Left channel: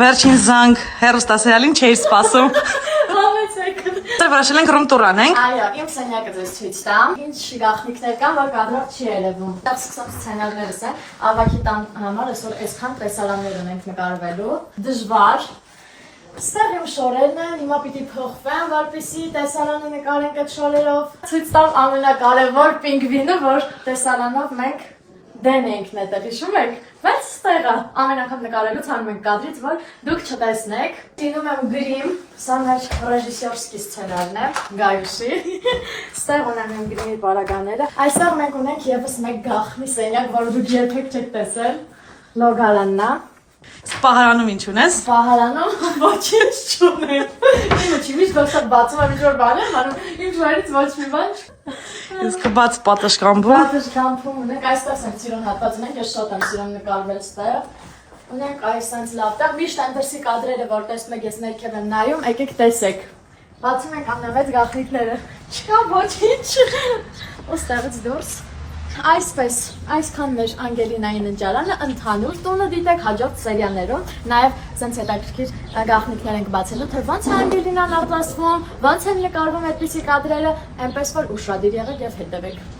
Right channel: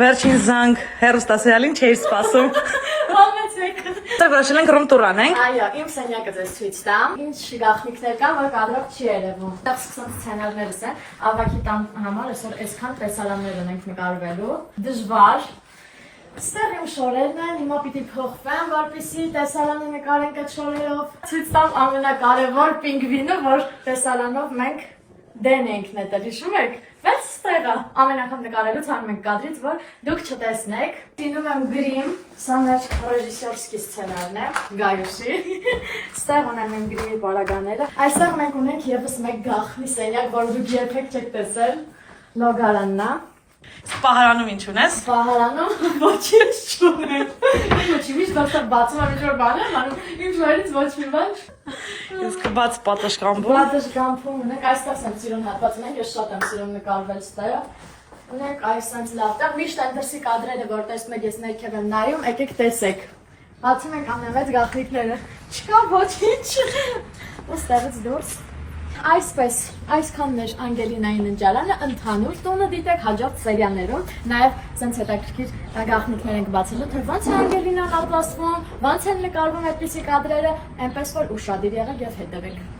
Վերջին զանգ հերոստասերիալին չէի սպասում։ Համեցեք։ Դե որոշել ենք ռում տուր անենք։ Այո, իմ սենյակը ձեզ ցույց տամ։ Ինչ գաղտնիքներ կան, որ կադրող չի երևում։ Դա սկսած սցենարներս են։ Ավակի տան համար այսօր այսքան տեսարաններ ունենք նկարվելու։ Դժվար։ Ստեղ իմ շորերն են, հիմա պիտի փոխվեմ, որպեսզի տեսարանը նկարենք այդ շորերով։ Ցույց տամ ամենակարևոր պինգվինը, որ տեսարանով մենք դեն ենք նետել, հիշում եք։ Բայց ստեղը ամեն անգամ նկարելուց հանում ենք կադրից, որ դուք չտեսնեք։ Դինում եմ գրիմ, սա մեր ռեժիսորսկի սցենարն է, Գայուշի։ Ստեղ ունեմ իմ գրիմի պարագաները։ Այստեղ մենք ունենք եւս մեկ գաղտնի սենյակ, որ դուք երբեք չեք տեսել։ Լոգարանն է։ Սպահարանում ինչ ունես։ Սպահարանում ոչինչ չունեմ։ Ինչի՞ միշտ դասա բացում եմ ինչ-որ բան եմ անում, ինչ վարից ոչ մի բան։ Իսկ բաց պատշգամբում։ Պատշգամբում ունենք, այստեղ եմ սիրուն հատված ունենք, ես շատ եմ սիրում նկարվել ստեղ։ Ունենք այս այնց լավ տեղ, միշտ այնտեղի կադրերը, որ տեսնում եք, ես ներքև եմ նայում, եկեք տեսեք։ Բացում ենք ամենամեծ գաղտնիքները։ Չկա ոչինչ։ Ու ստեղից դուրս։ Այսպես, այսքան մեր Անգելինայի ննջարանը ընդհանուր տունը դիտեք հաջորդ սերիաներում, նաև սենց հետաքրքիր գաղտնիքներ ենք բացելու, թե ոնց է Անգելինան ապրասվում, ոնց են նկարվում այդպիսի կադրերը, այնպես որ ուշադիր եղեք եւ հետևեք։